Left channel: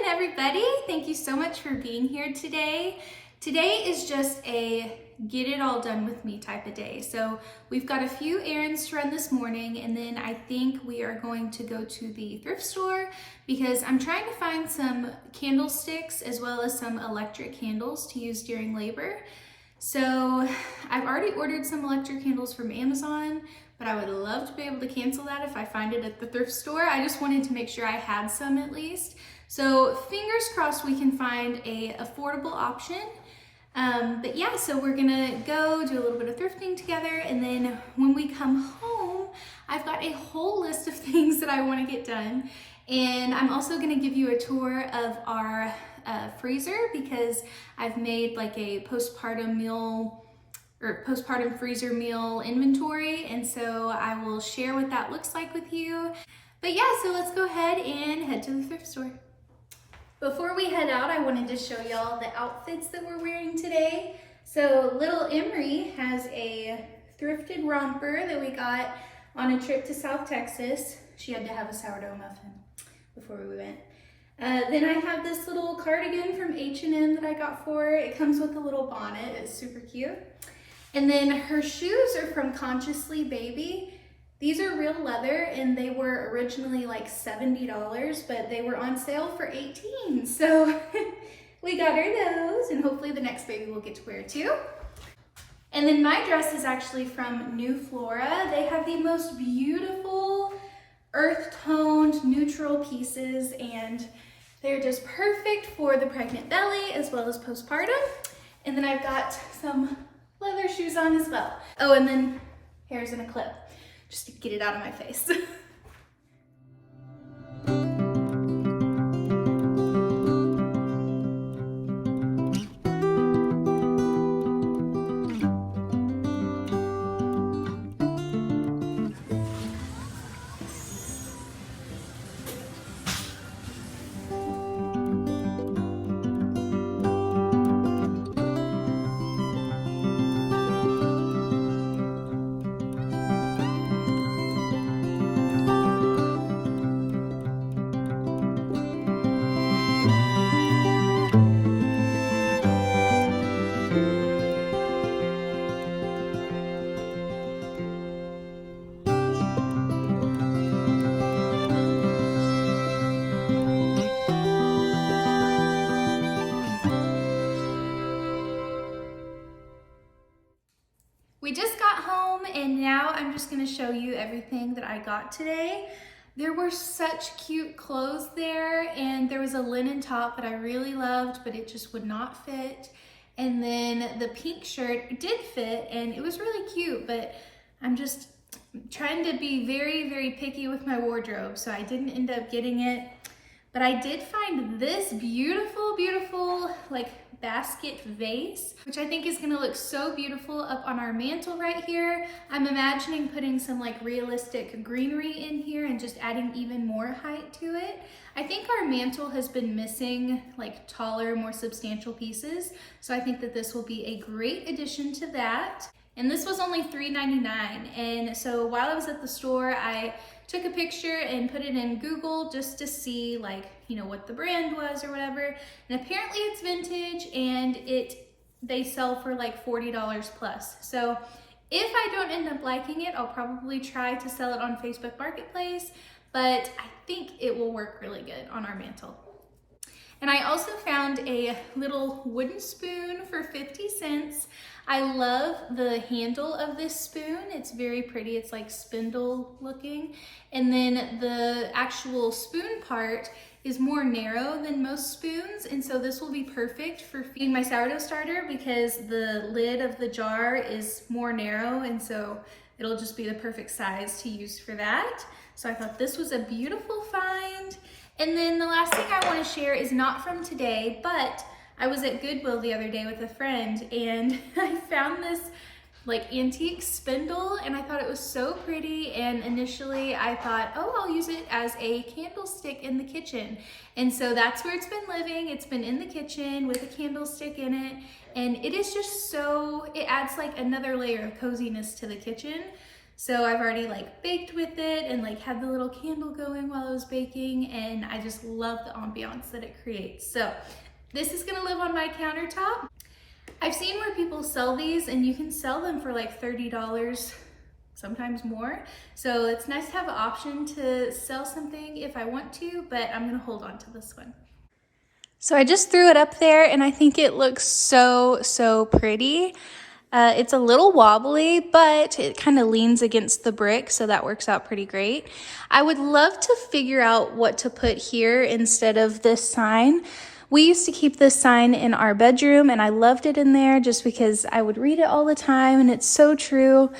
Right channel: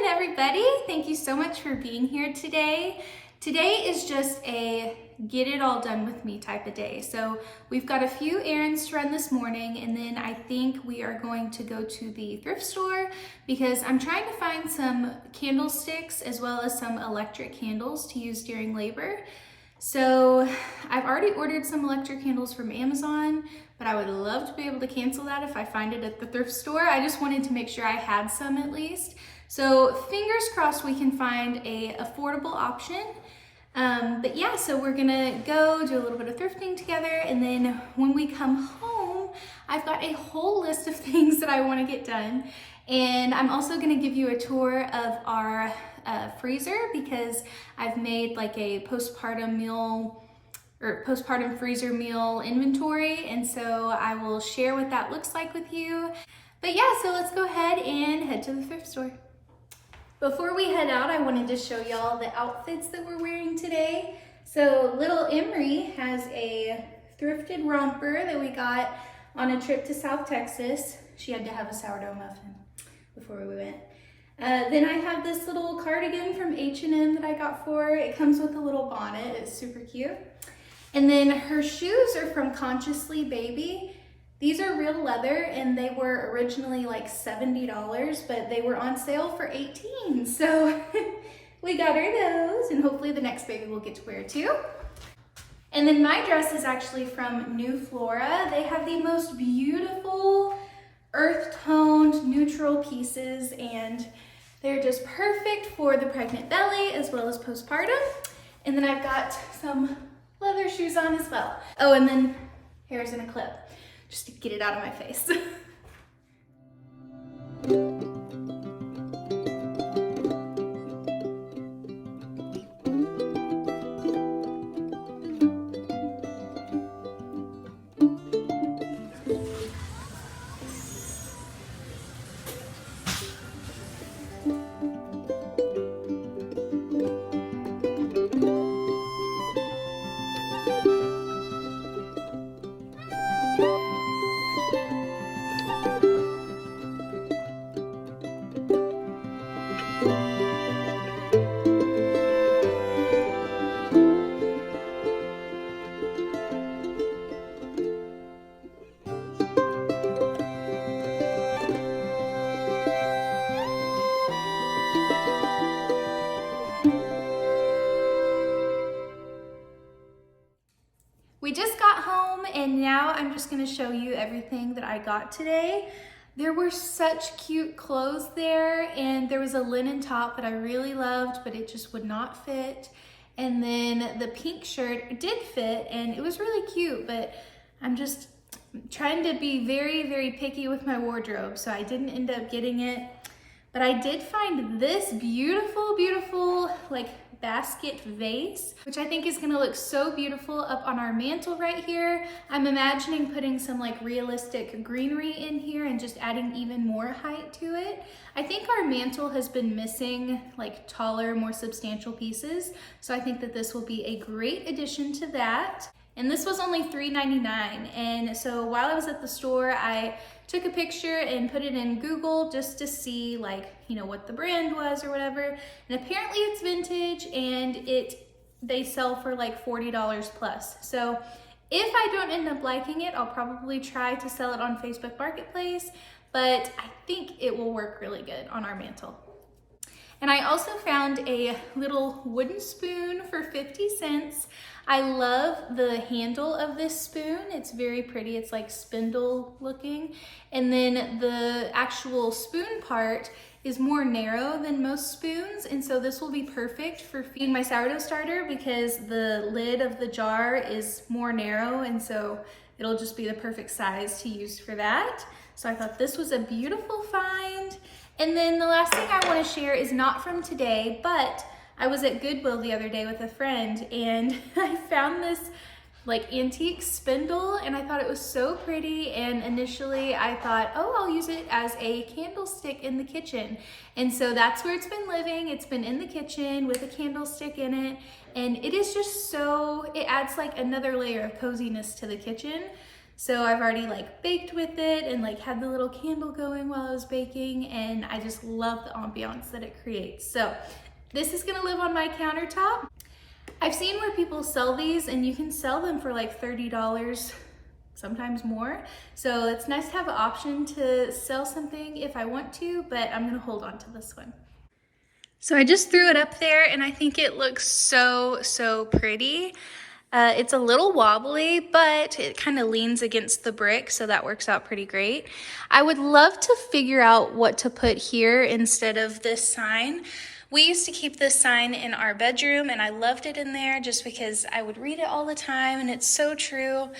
morning, everybody. Thank you so much for being here today. Today is just a get it all done with me type of day. So we've got a few errands to run this morning, and then I think we are going to go to the thrift store because I'm trying to find some candlesticks as well as some electric candles to use during labor. So I've already ordered some electric candles from Amazon, but I would love to be able to cancel that if I find it at the thrift store. I just wanted to make sure I had some at least. So fingers crossed we can find a affordable option. But yeah, so we're gonna go do a little bit of thrifting together, and then when we come home, I've got a whole list of things that I wanna get done. And I'm also gonna give you a tour of our freezer because I've made like a postpartum meal or postpartum freezer meal inventory, and so I will share what that looks like with you. But yeah, so let's go ahead and head to the thrift store. Before we head out, I wanted to show y'all the outfits that we're wearing today. So little Emery has a thrifted romper that we got on a trip to South Texas. She had to have a sourdough muffin before we went. Then I have this little cardigan from H&M that I got for her. It comes with a little bonnet, it's super cute. And then her shoes are from Consciously Baby. These are real leather and they were originally like $70, but they were on sale for $18. So we got her those, and hopefully the next baby will get to wear too. And then my dress is actually from New Flora. They have the most beautiful earth-toned neutral pieces, and they're just perfect for the pregnant belly as well as postpartum. And then I've got some leather shoes on as well. Oh, and then hair's in a clip just to get it out of my face. We just got home, and now I'm just gonna show you everything that I got today. There were such cute clothes there, and there was a linen top that I really loved, but it just would not fit. And then the pink shirt did fit, and it was really cute, but I'm just trying to be very, very picky with my wardrobe, so I didn't end up getting it. But I did find this beautiful, beautiful, like basket vase, which I think is gonna look so beautiful up on our mantle right here. I'm imagining putting some like realistic greenery in here and just adding even more height to it. I think our mantle has been missing like taller, more substantial pieces. So I think that this will be a great addition to that. And this was only $3.99. And so while I was at the store, I took a picture and put it in Google just to see like, you know, what the brand was or whatever. And apparently it's vintage, and they sell for like $40 plus. So if I don't end up liking it, I'll probably try to sell it on Facebook Marketplace, but I think it will work really good on our mantle. And I also found a little wooden spoon for 50 cents. I love the handle of this spoon. It's very pretty. It's like spindle looking. And then the actual spoon part is more narrow than most spoons. And so this will be perfect for feeding my sourdough starter because the lid of the jar is more narrow. And so it'll just be the perfect size to use for that. So I thought this was a beautiful find. And then the last thing I want to share is not from today, but I was at Goodwill the other day with a friend, and I found this like antique spindle, and I thought it was so pretty. And initially I thought, oh, I'll use it as a candlestick in the kitchen. And so that's where it's been living. It's been in the kitchen with a candlestick in it. And it is just so, it adds like another layer of coziness to the kitchen. So I've already like baked with it and like had the little candle going while I was baking, and I just love the ambiance that it creates. So this is gonna live on my countertop. I've seen where people sell these and you can sell them for like $30, sometimes more. So it's nice to have an option to sell something if I want to, but I'm gonna hold on to this one. So I just threw it up there and I think it looks so pretty. It's a little wobbly, but it kind of leans against the brick, so that works out pretty great. I would love to figure out what to put here instead of this sign. We used to keep this sign in our bedroom and I loved it in there just because I would read it all the time and it's so true.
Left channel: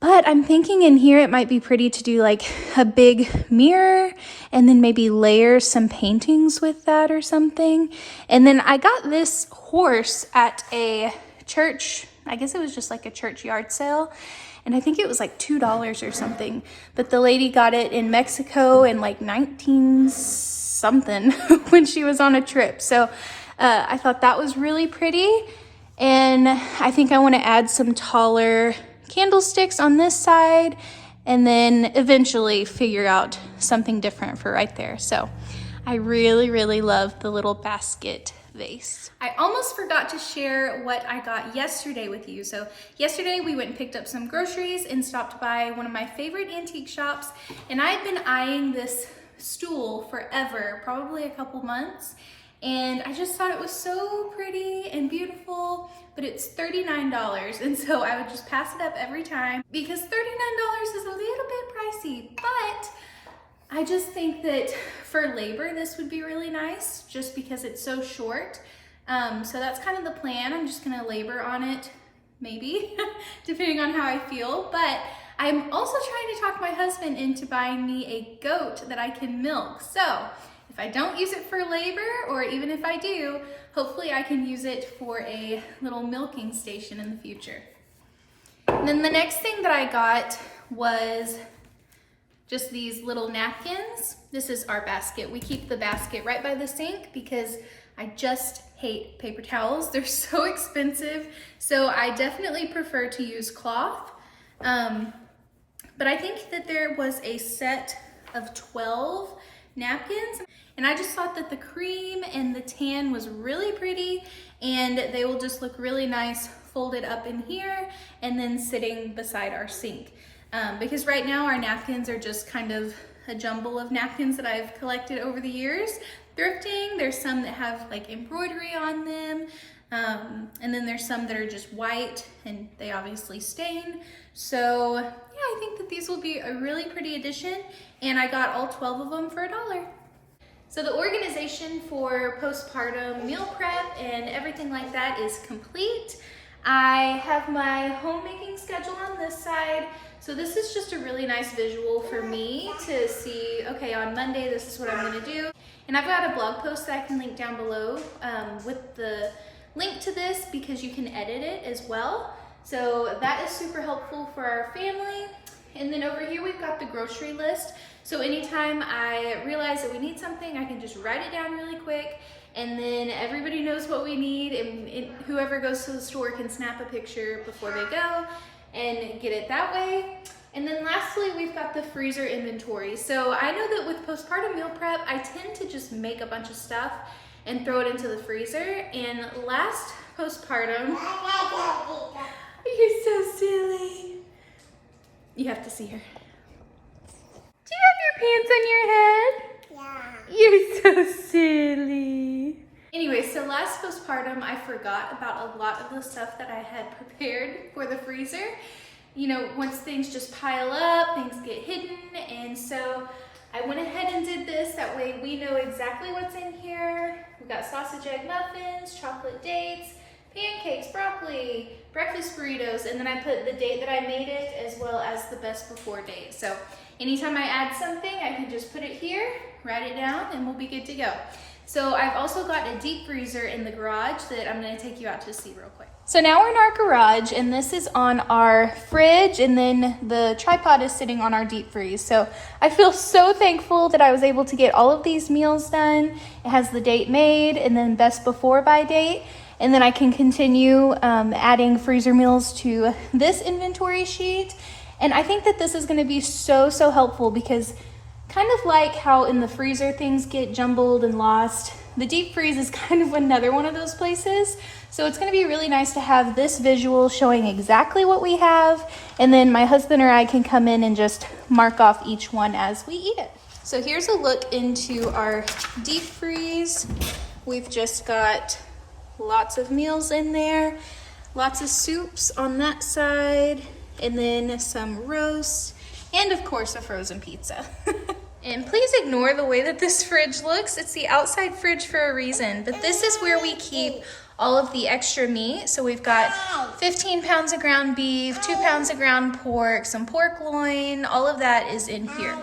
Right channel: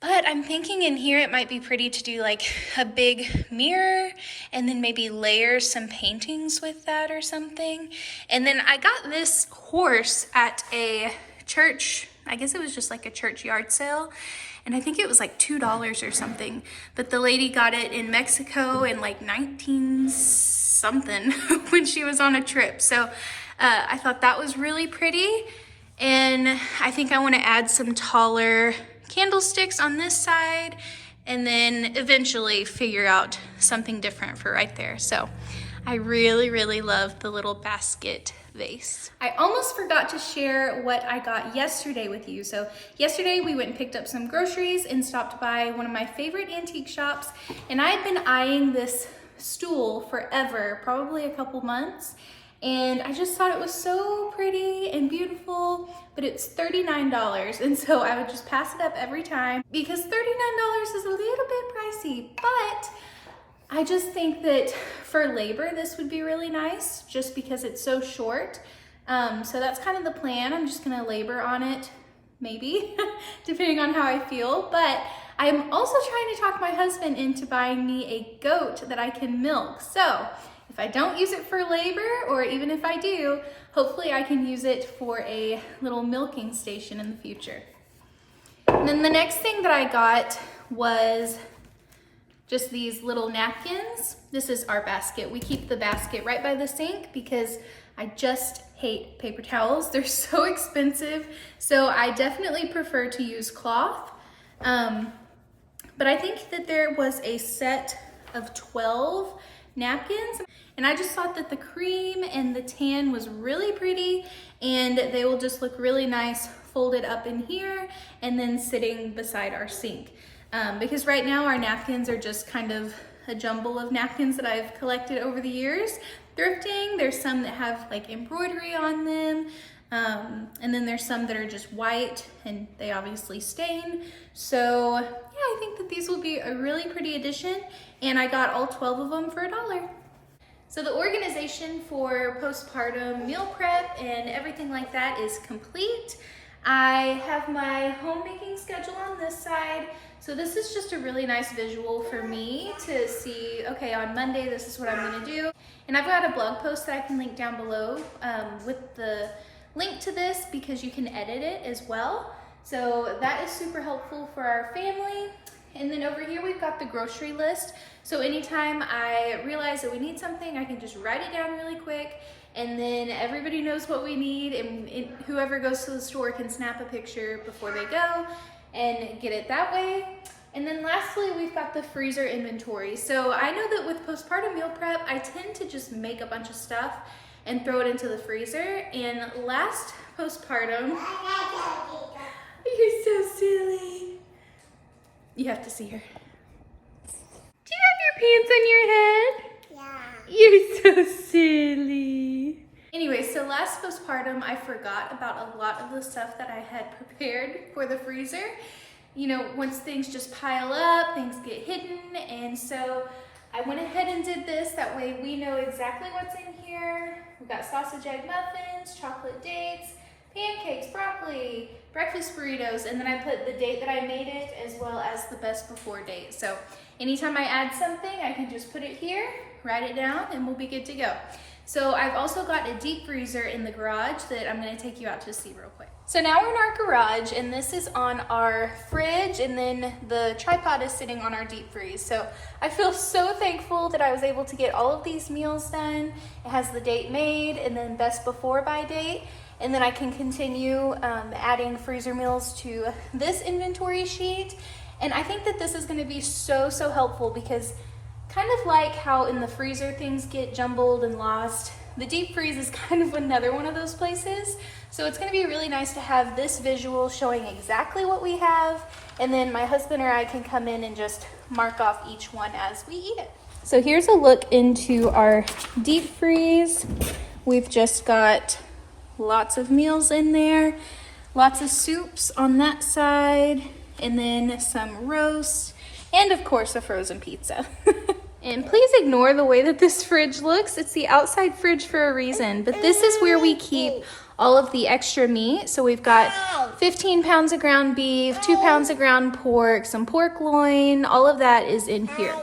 But I'm thinking in here it might be pretty to do like a big mirror and then maybe layer some paintings with that or something. And then I got this horse at a church, I guess it was just like a church yard sale. And I think it was like $2 or something. But the lady got it in Mexico in like 19 something when she was on a trip. So I thought that was really pretty. And I think I want to add some taller candlesticks on this side and then eventually figure out something different for right there. So I really love the little basket vase. I almost forgot to share what I got yesterday with you. So yesterday we went and picked up some groceries and stopped by one of my favorite antique shops, and I had been eyeing this stool forever, probably a couple months, and I just thought it was so pretty and beautiful, but it's $39, and so I would just pass it up every time because $39 is a little bit pricey, but I just think that for labor this would be really nice just because it's so short. So that's kind of the plan. I'm just gonna labor on it, maybe, depending on how I feel, but I'm also trying to talk my husband into buying me a goat that I can milk. So if I don't use it for labor, or even if I do, hopefully I can use it for a little milking station in the future. And then the next thing that I got was just these little napkins. This is our basket. We keep the basket right by the sink because I just hate paper towels. They're so expensive. So I definitely prefer to use cloth. But I think that there was a set of 12 napkins, and I just thought that the cream and the tan was really pretty, and they will just look really nice folded up in here and then sitting beside our sink. Because right now our napkins are just kind of a jumble of napkins that I've collected over the years. Thrifting, there's some that have like embroidery on them, and then there's some that are just white and they obviously stain. So yeah, I think that these will be a really pretty addition, and I got all 12 of them for $1. So the organization for postpartum meal prep and everything like that is complete. I have my homemaking schedule on this side. So this is just a really nice visual for me to see, okay, on Monday, this is what I'm gonna do. And I've got a blog post that I can link down below with the link to this because you can edit it as well. So that is super helpful for our family. And then over here, we've got the grocery list. So anytime I realize that we need something, I can just write it down really quick, and then everybody knows what we need, and whoever goes to the store can snap a picture before they go and get it that way. And then lastly, we've got the freezer inventory. So I know that with postpartum meal prep, I tend to just make a bunch of stuff and throw it into the freezer. And last postpartum, you're so silly. You have to see her. Do you have your pants on your head? Yeah. You're so silly. Anyway, so last postpartum, I forgot about a lot of the stuff that I had prepared for the freezer. You know, once things just pile up, things get hidden, and so I went ahead and did this. That way we know exactly what's in here. We've got sausage egg muffins, chocolate dates, pancakes, broccoli, breakfast burritos, and then I put the date that I made it as well as the best before date. So anytime I add something, I can just put it here, write it down, and we'll be good to go. So I've also got a deep freezer in the garage that I'm gonna take you out to see real quick. So now we're in our garage, and this is on our fridge, and then the tripod is sitting on our deep freeze. So I feel so thankful that I was able to get all of these meals done. It has the date made and then best before by date. And then I can continue adding freezer meals to this inventory sheet. And I think that this is gonna be so helpful because kind of like how in the freezer things get jumbled and lost, the deep freeze is kind of another one of those places. So it's gonna be really nice to have this visual showing exactly what we have, and then my husband or I can come in and just mark off each one as we eat it. So here's a look into our deep freeze. We've just got lots of meals in there, lots of soups on that side, and then some roast, and of course a frozen pizza. And please ignore the way that this fridge looks. It's the outside fridge for a reason, but this is where we keep all of the extra meat. So we've got 15 pounds of ground beef, 2 pounds of ground pork, some pork loin, all of that is in here.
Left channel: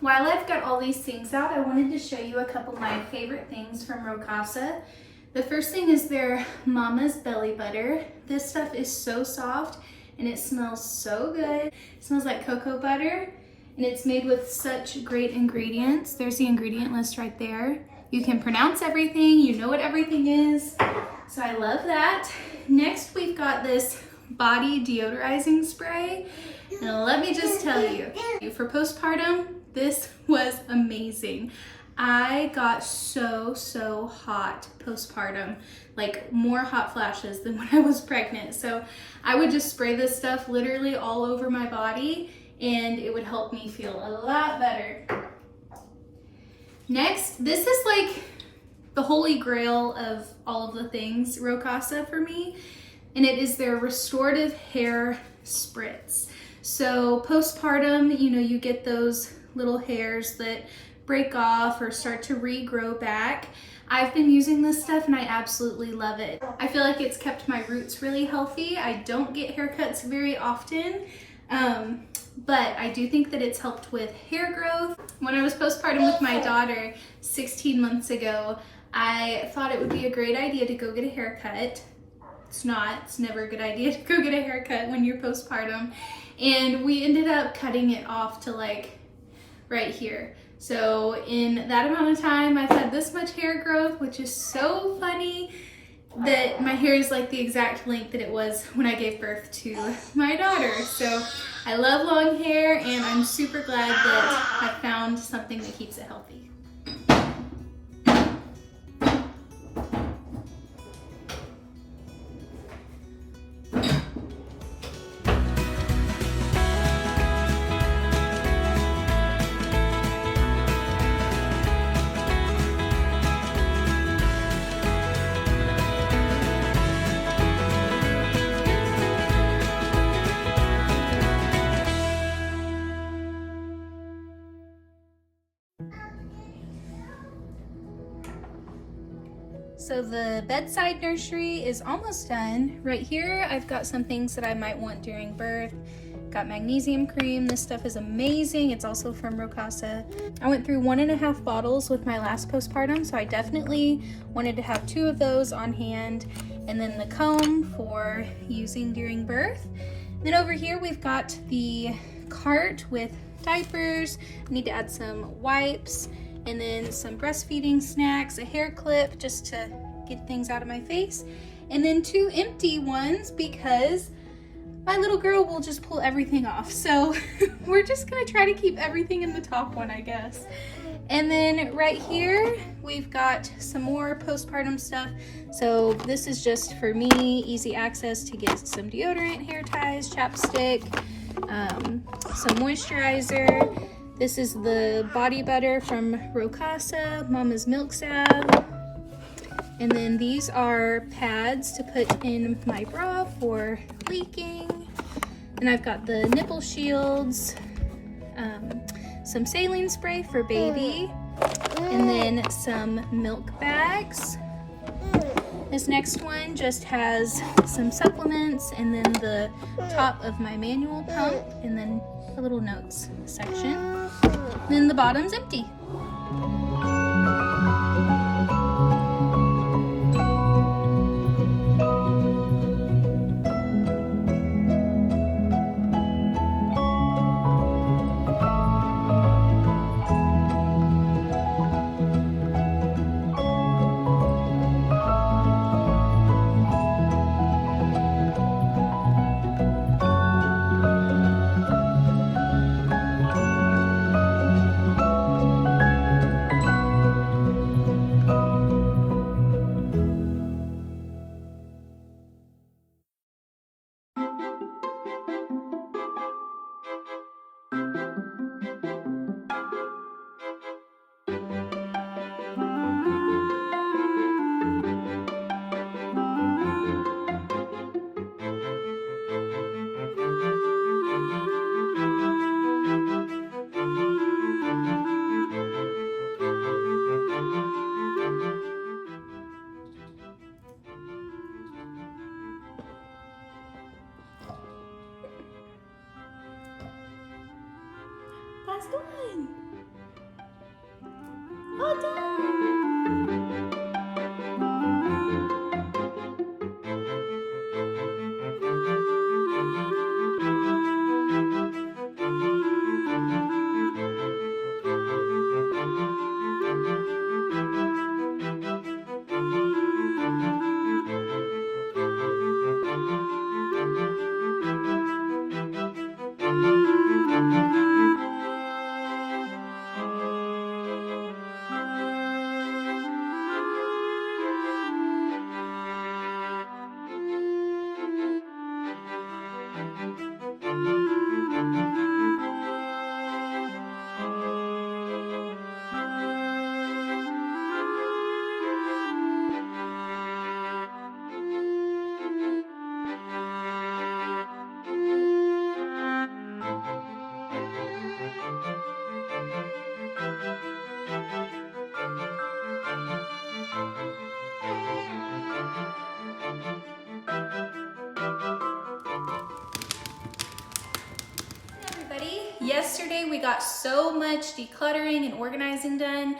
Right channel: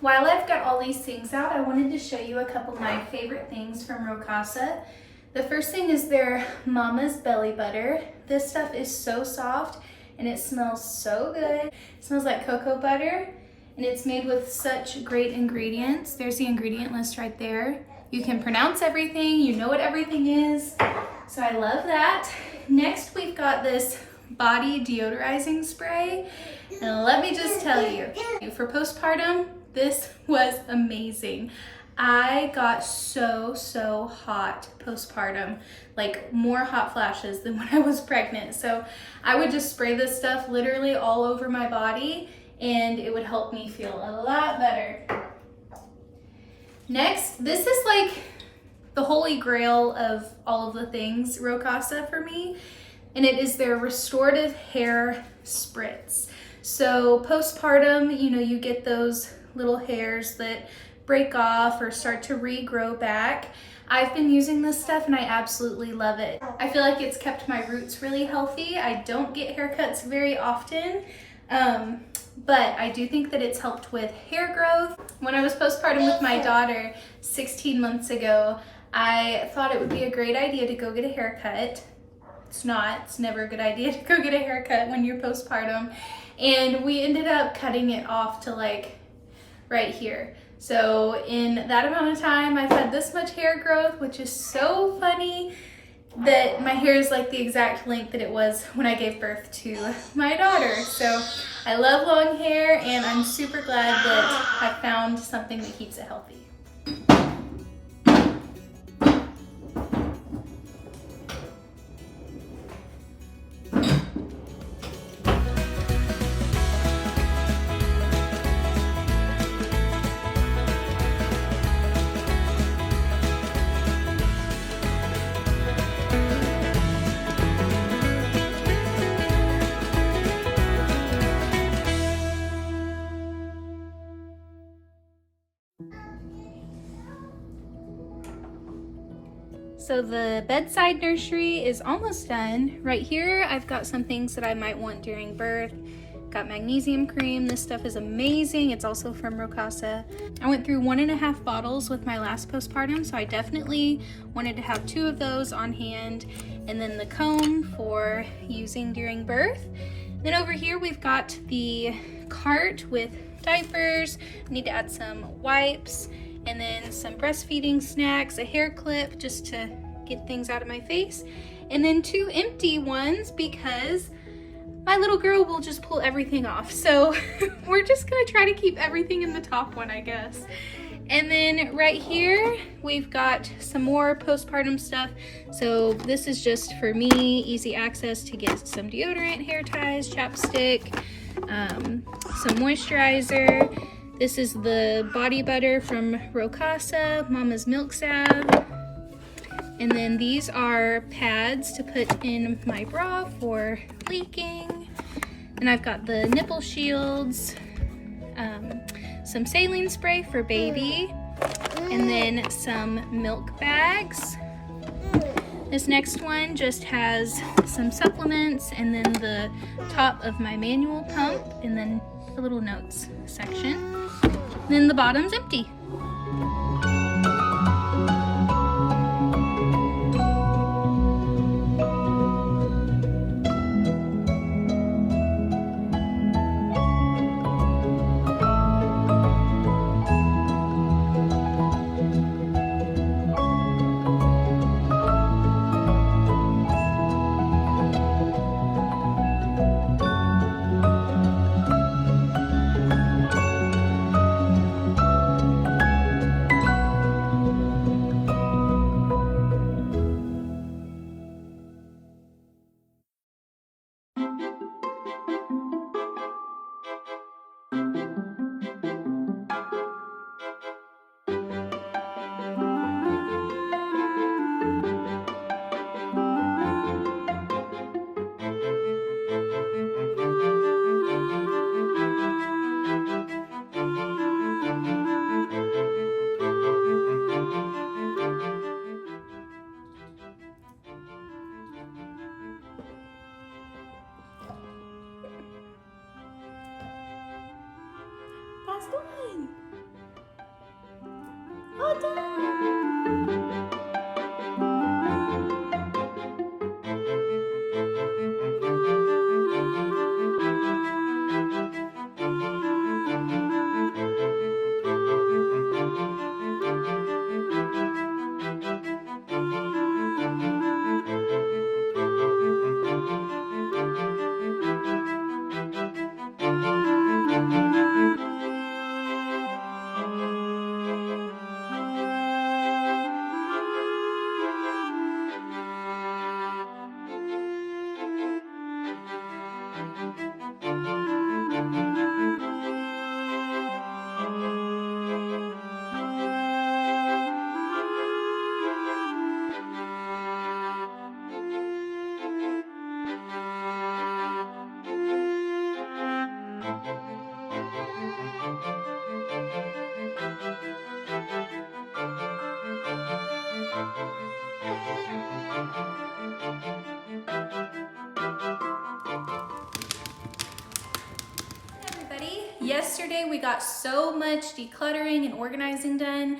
While I've got all these things out, I wanted to show you a couple of my favorite things from Rowe Casa. The first thing is their Mama's Belly Butter. This stuff is so soft and it smells so good. It smells like cocoa butter and it's made with such great ingredients. There's the ingredient list right there. You can pronounce everything, you know what everything is. So I love that. Next, we've got this body deodorizing spray. And let me just tell you, for postpartum, this was amazing. I got so hot postpartum, like more hot flashes than when I was pregnant. So I would just spray this stuff literally all over my body and it would help me feel a lot better. Next, this is like the holy grail of all of the things Rowe Casa for me, and it is their restorative hair spritz. So postpartum, you know, you get those little hairs that break off or start to regrow back. I've been using this stuff and I absolutely love it. I feel like it's kept my roots really healthy. I don't get haircuts very often, but I do think that it's helped with hair growth. When I was postpartum with my daughter 16 months ago, I thought it would be a great idea to go get a haircut. It's not, it's never a good idea to go get a haircut when you're postpartum. And we ended up cutting it off to like right here. So in that amount of time, I've had this much hair growth, which is so funny that my hair is like the exact length that it was when I gave birth to my daughter. So I love long hair and I'm super glad that I found something that keeps it healthy. So the bedside nursery is almost done. Right here, I've got some things that I might want during birth. Got magnesium cream. This stuff is amazing. It's also from Rowe Casa. I went through 1.5 bottles with my last postpartum, so I definitely wanted to have 2 of those on hand. And then the comb for using during birth. Then over here, we've got the cart with diapers. I need to add some wipes, and then some breastfeeding snacks, a hair clip just to get things out of my face, and then 2 empty ones because my little girl will just pull everything off. So we're just gonna try to keep everything in the top one, I guess. And then right here, we've got some more postpartum stuff. So this is just for me, easy access to get some deodorant, hair ties, chapstick, some moisturizer. This is the body butter from Rowe Casa, Mama's Milk Salve. And then these are pads to put in my bra for leaking. And I've got the nipple shields, some saline spray for baby, and then some milk bags. This next one just has some supplements and then the top of my manual pump and then a little notes section. Then the bottom's empty. That's done. All done. Yesterday we got so much decluttering and organizing done.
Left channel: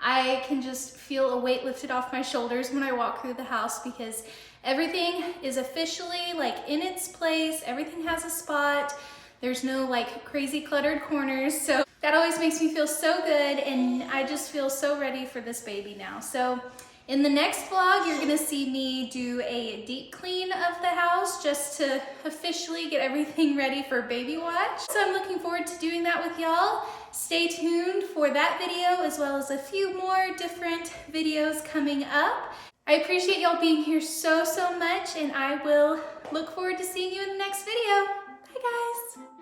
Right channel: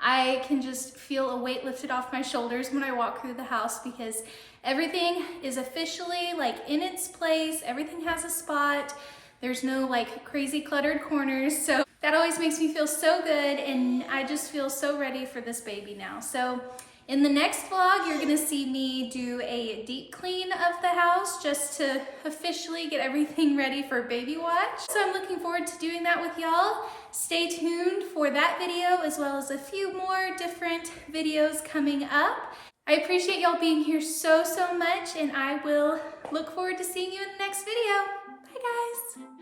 I can just feel a weight lifted off my shoulders when I walk through the house because everything is officially like in its place. Everything has a spot. There's no like crazy cluttered corners. So that always makes me feel so good and I just feel so ready for this baby now. So in the next vlog, you're gonna see me do a deep clean of the house just to officially get everything ready for baby watch. So I'm looking forward to doing that with y'all. Stay tuned for that video as well as a few more different videos coming up. I appreciate y'all being here so much and I will look forward to seeing you in the next video. Bye guys.